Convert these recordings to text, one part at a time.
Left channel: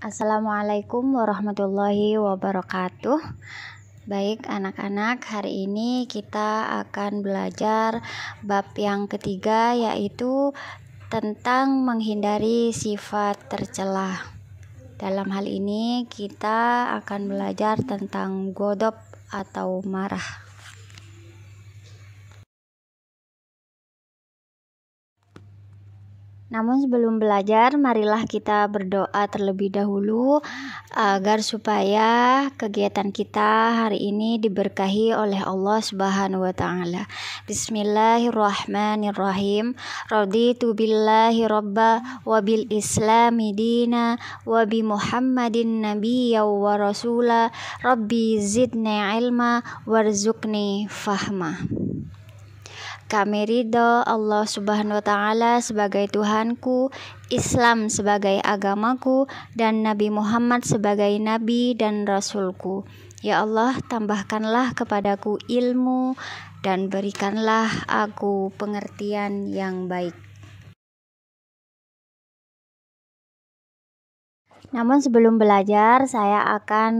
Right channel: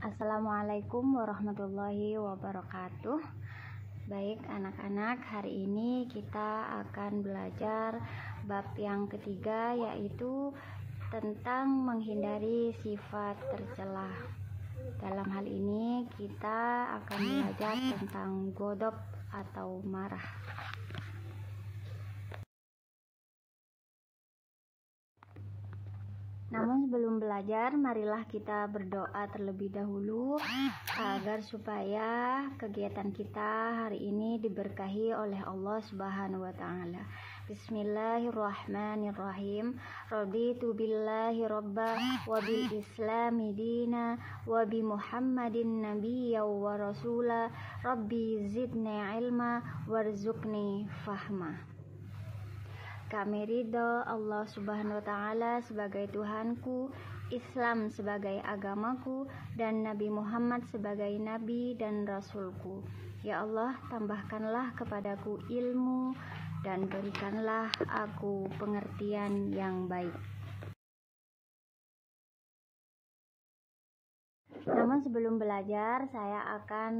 Assalamualaikum warahmatullahi wabarakatuh. Baik anak-anak, hari ini kita akan belajar bab yang ketiga, yaitu tentang menghindari sifat tercela. Dalam hal ini kita akan belajar tentang godop atau marah. Namun sebelum belajar, marilah kita berdoa terlebih dahulu agar supaya kegiatan kita hari ini diberkahi oleh Allah Subhanahu wa taala. Bismillahirrahmanirrahim. Raditu billahi rabba wa bil islami dina wa bi Muhammadin nabiyya wa rasula. Rabbi zidni ilma warzuqni fahma. Kami ridho Allah Subhanahu wa taala sebagai Tuhanku, Islam sebagai agamaku, dan Nabi Muhammad sebagai nabi dan rasulku. Ya Allah, tambahkanlah kepadaku ilmu dan berikanlah aku pengertian yang baik. Namun sebelum belajar, saya akan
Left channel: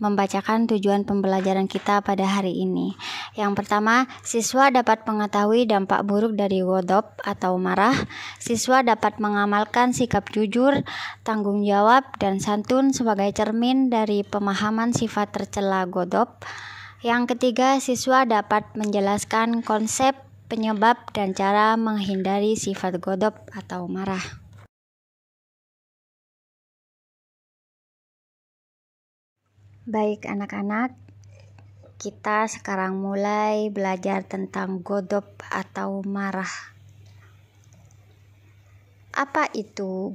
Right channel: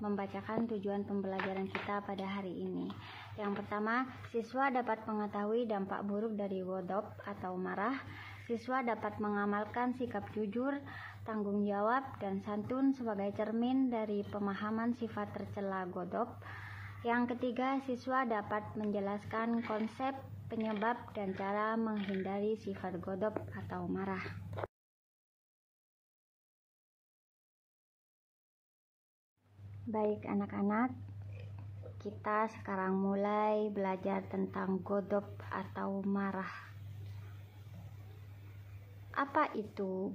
membacakan tujuan pembelajaran kita pada hari ini. Yang pertama, siswa dapat mengetahui dampak buruk dari godop atau marah. Siswa dapat mengamalkan sikap jujur, tanggung jawab, dan santun sebagai cermin dari pemahaman sifat tercela godop. Yang ketiga, siswa dapat menjelaskan konsep, penyebab, dan cara menghindari sifat godop atau marah. Baik anak-anak, kita sekarang mulai belajar tentang godop atau marah. Apa itu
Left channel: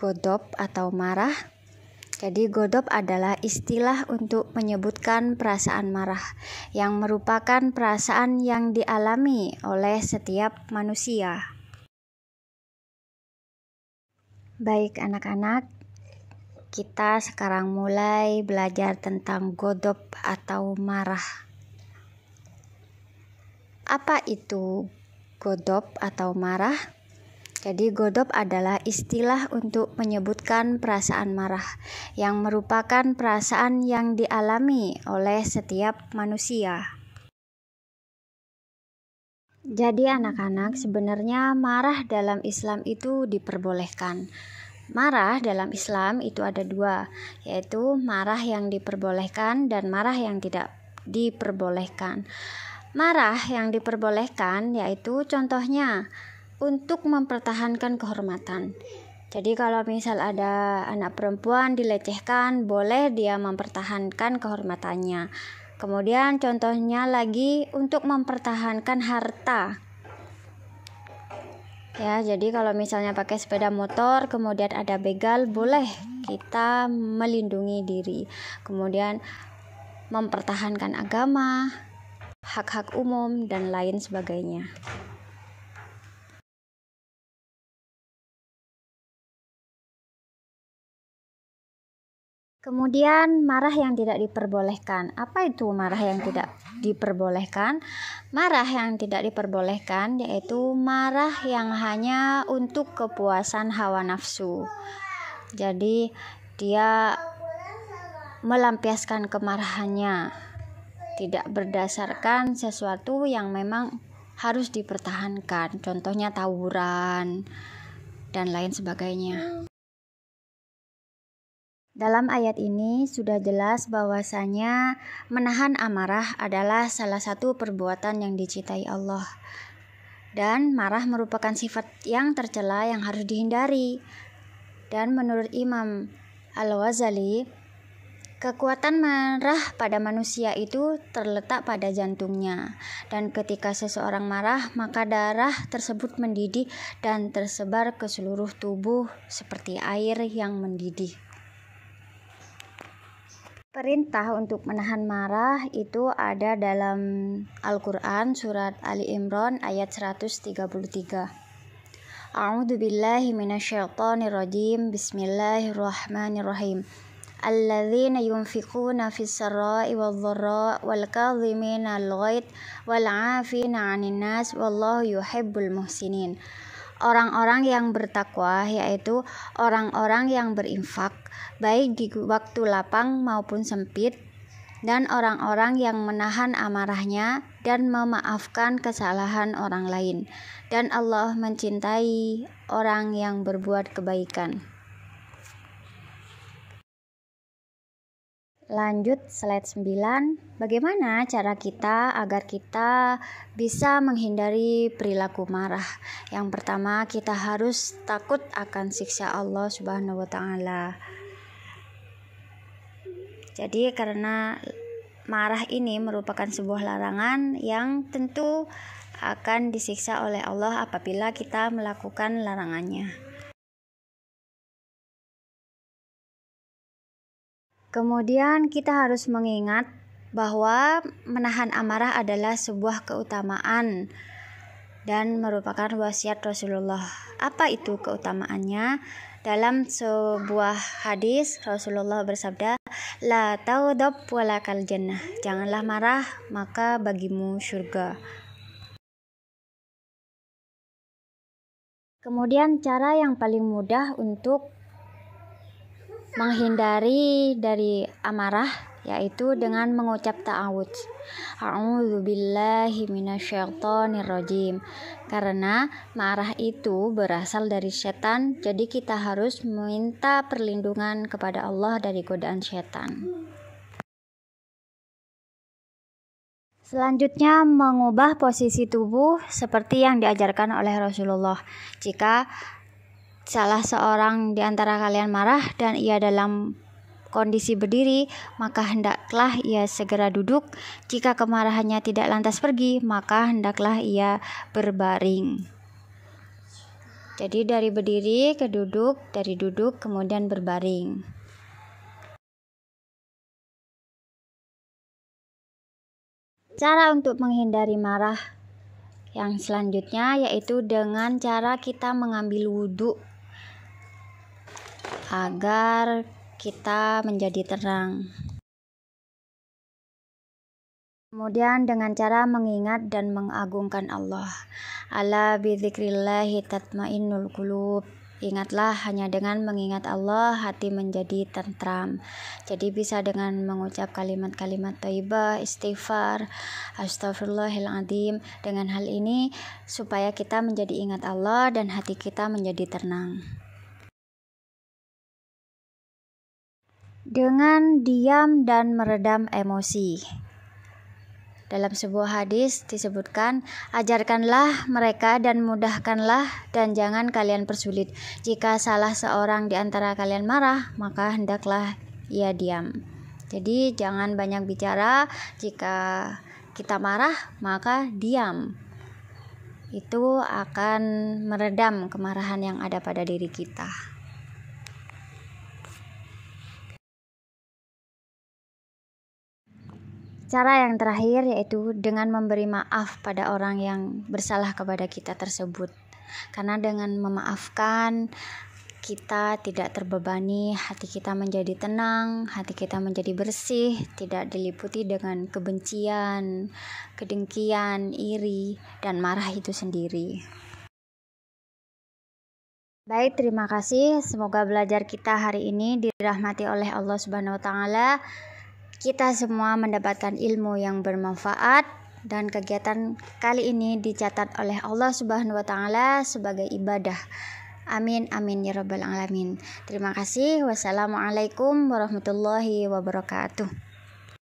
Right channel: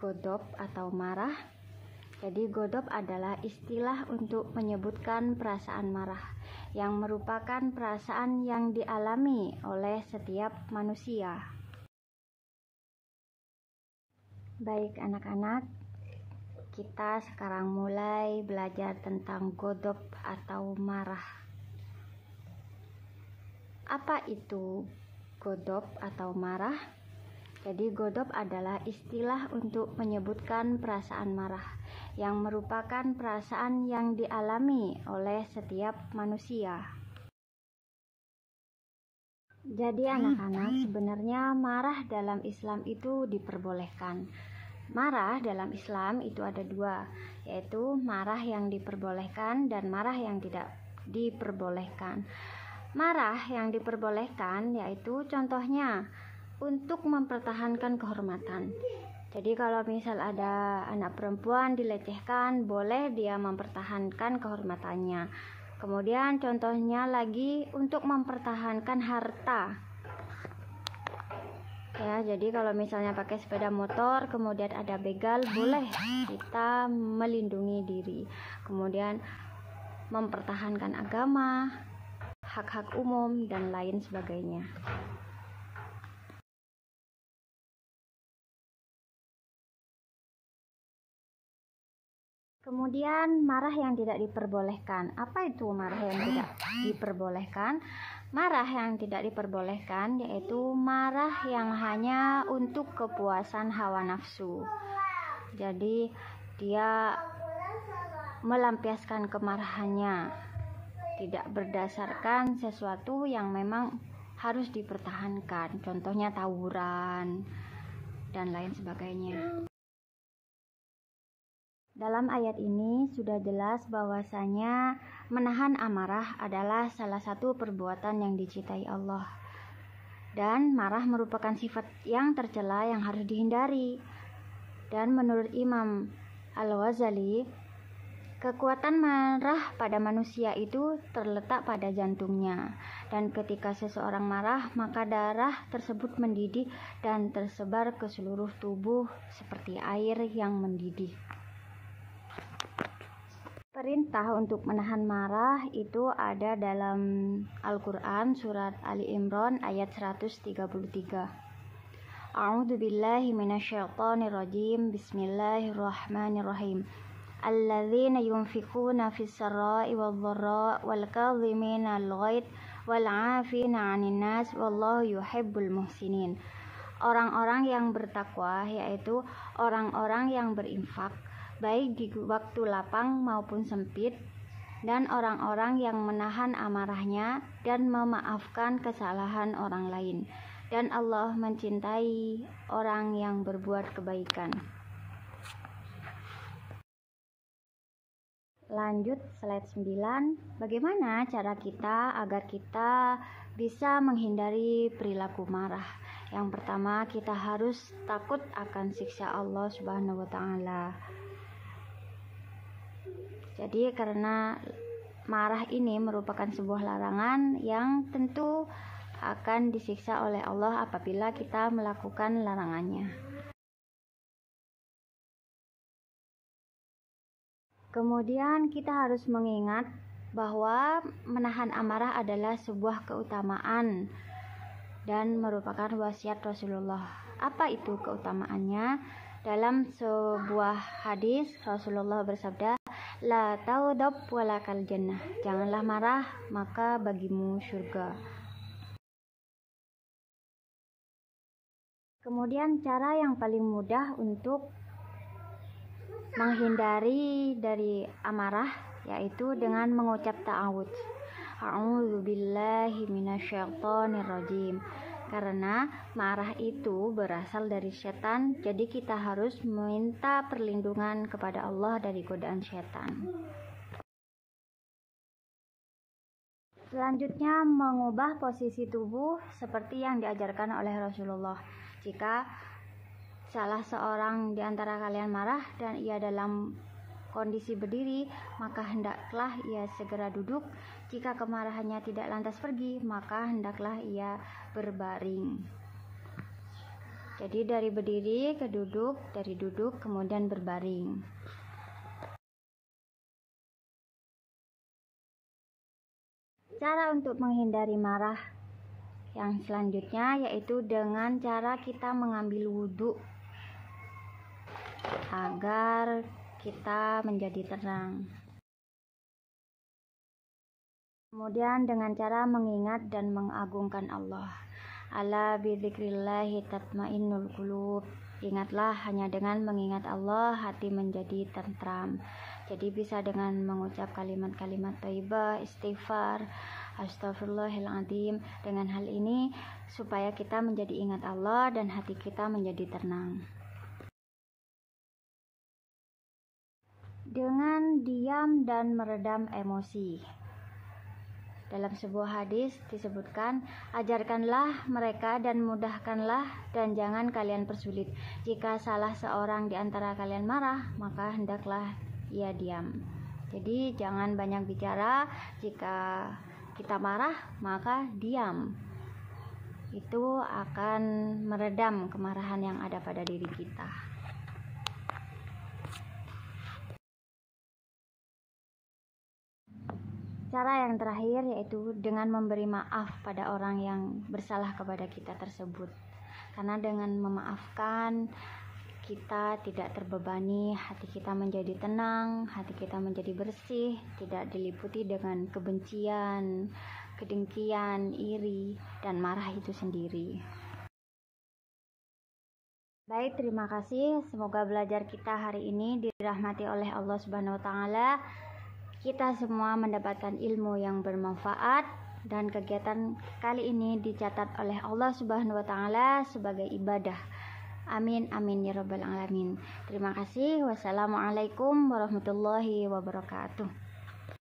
godop atau marah? Jadi godop adalah istilah untuk menyebutkan perasaan marah, yang merupakan perasaan yang dialami oleh setiap manusia. Baik anak-anak, kita sekarang mulai belajar tentang godop atau marah. Apa itu godop atau marah? Jadi godop adalah istilah untuk menyebutkan perasaan marah, yang merupakan perasaan yang dialami oleh setiap manusia. Jadi anak-anak, sebenarnya marah dalam Islam itu diperbolehkan. Marah dalam Islam itu ada dua, yaitu marah yang diperbolehkan dan marah yang tidak diperbolehkan. Marah yang diperbolehkan yaitu contohnya untuk mempertahankan kehormatan. Jadi kalau misal ada anak perempuan dilecehkan, boleh dia mempertahankan kehormatannya. Kemudian contohnya lagi untuk mempertahankan harta. Ya, jadi kalau misalnya pakai sepeda motor kemudian ada begal, boleh kita melindungi diri. Kemudian mempertahankan agama, hak-hak umum, dan lain sebagainya. Kemudian marah yang tidak diperbolehkan. Apa itu marah yang tidak diperbolehkan? Marah yang tidak diperbolehkan yaitu marah yang hanya untuk kepuasan hawa nafsu. Jadi dia melampiaskan kemarahannya, tidak berdasarkan sesuatu yang memang harus dipertahankan. Contohnya tawuran dan lain sebagainya. Dalam ayat ini sudah jelas bahwasanya menahan amarah adalah salah satu perbuatan yang dicintai Allah. Dan marah merupakan sifat yang tercela yang harus dihindari. Dan menurut Imam Al-Ghazali, kekuatan marah pada manusia itu terletak pada jantungnya. Dan ketika seseorang marah, maka darah tersebut mendidih dan tersebar ke seluruh tubuh seperti air yang mendidih. Perintah untuk menahan marah itu ada dalam Al-Quran surat Ali Imran ayat 133. A'udzu billahi minasyaitonir rajim. Bismillahirrahmanirrahim. Alladzina yunfiquna fis sarra'i wadh-dharra'i wal kadhimina al-ghaidh wal 'afina 'anil nas wallahu yuhibbul muhsinin. orang-orang yang bertakwa, yaitu orang-orang yang berinfak baik di waktu lapang maupun sempit, dan orang-orang yang menahan amarahnya dan memaafkan kesalahan orang lain. Dan Allah mencintai orang yang berbuat kebaikan. Lanjut slide 9. Bagaimana cara kita agar kita bisa menghindari perilaku marah? Yang pertama, kita harus takut akan siksa Allah Subhanahu wa taala. Jadi karena marah ini merupakan sebuah larangan yang tentu akan disiksa oleh Allah apabila kita melakukan larangannya. Kemudian kita harus mengingat bahwa menahan amarah adalah sebuah keutamaan dan merupakan wasiat Rasulullah. Apa itu keutamaannya? Dalam sebuah hadis Rasulullah bersabda, "La taudab walakal jannah." Janganlah marah, maka bagimu surga. Kemudian cara yang paling mudah untuk menghindari dari amarah yaitu dengan mengucap ta'awudz. A'udzubillahi minasyaitonirrajim. Karena marah itu berasal dari setan, jadi kita harus meminta perlindungan kepada Allah dari godaan setan. Selanjutnya, mengubah posisi tubuh seperti yang diajarkan oleh Rasulullah. Jika salah seorang di antara kalian marah dan ia dalam kondisi berdiri, maka hendaklah ia segera duduk. Jika kemarahannya tidak lantas pergi, maka hendaklah ia berbaring. Jadi dari berdiri ke duduk, dari duduk kemudian berbaring. Cara untuk menghindari marah yang selanjutnya yaitu dengan cara kita mengambil wudhu agar kita menjadi tenang. Kemudian dengan cara mengingat dan mengagungkan Allah. Ala bidzikrillahi tatmainnul qulub. Ingatlah, hanya dengan mengingat Allah hati menjadi tentram. Jadi bisa dengan mengucap kalimat-kalimat thayyibah, istighfar, astagfirullahaladzim. Dengan hal ini supaya kita menjadi ingat Allah dan hati kita menjadi tenang. Dengan diam dan meredam emosi. Dalam sebuah hadis disebutkan, ajarkanlah mereka dan mudahkanlah dan jangan kalian persulit. Jika salah seorang di antara kalian marah, maka hendaklah ia diam. Jadi jangan banyak bicara. Jika kita marah, maka diam. Itu akan meredam kemarahan yang ada pada diri kita. Cara yang terakhir yaitu dengan memberi maaf pada orang yang bersalah kepada kita tersebut. Karena dengan memaafkan, kita tidak terbebani, hati kita menjadi tenang, hati kita menjadi bersih, tidak diliputi dengan kebencian, kedengkian, iri, dan marah itu sendiri. Baik, terima kasih. Semoga belajar kita hari ini dirahmati oleh Allah Subhanahu wa taala. Kita semua mendapatkan ilmu yang bermanfaat dan kegiatan kali ini dicatat oleh Allah Subhanahu wa taala sebagai ibadah. Amin amin ya rabbal alamin. Terima kasih. Wassalamualaikum warahmatullahi wabarakatuh.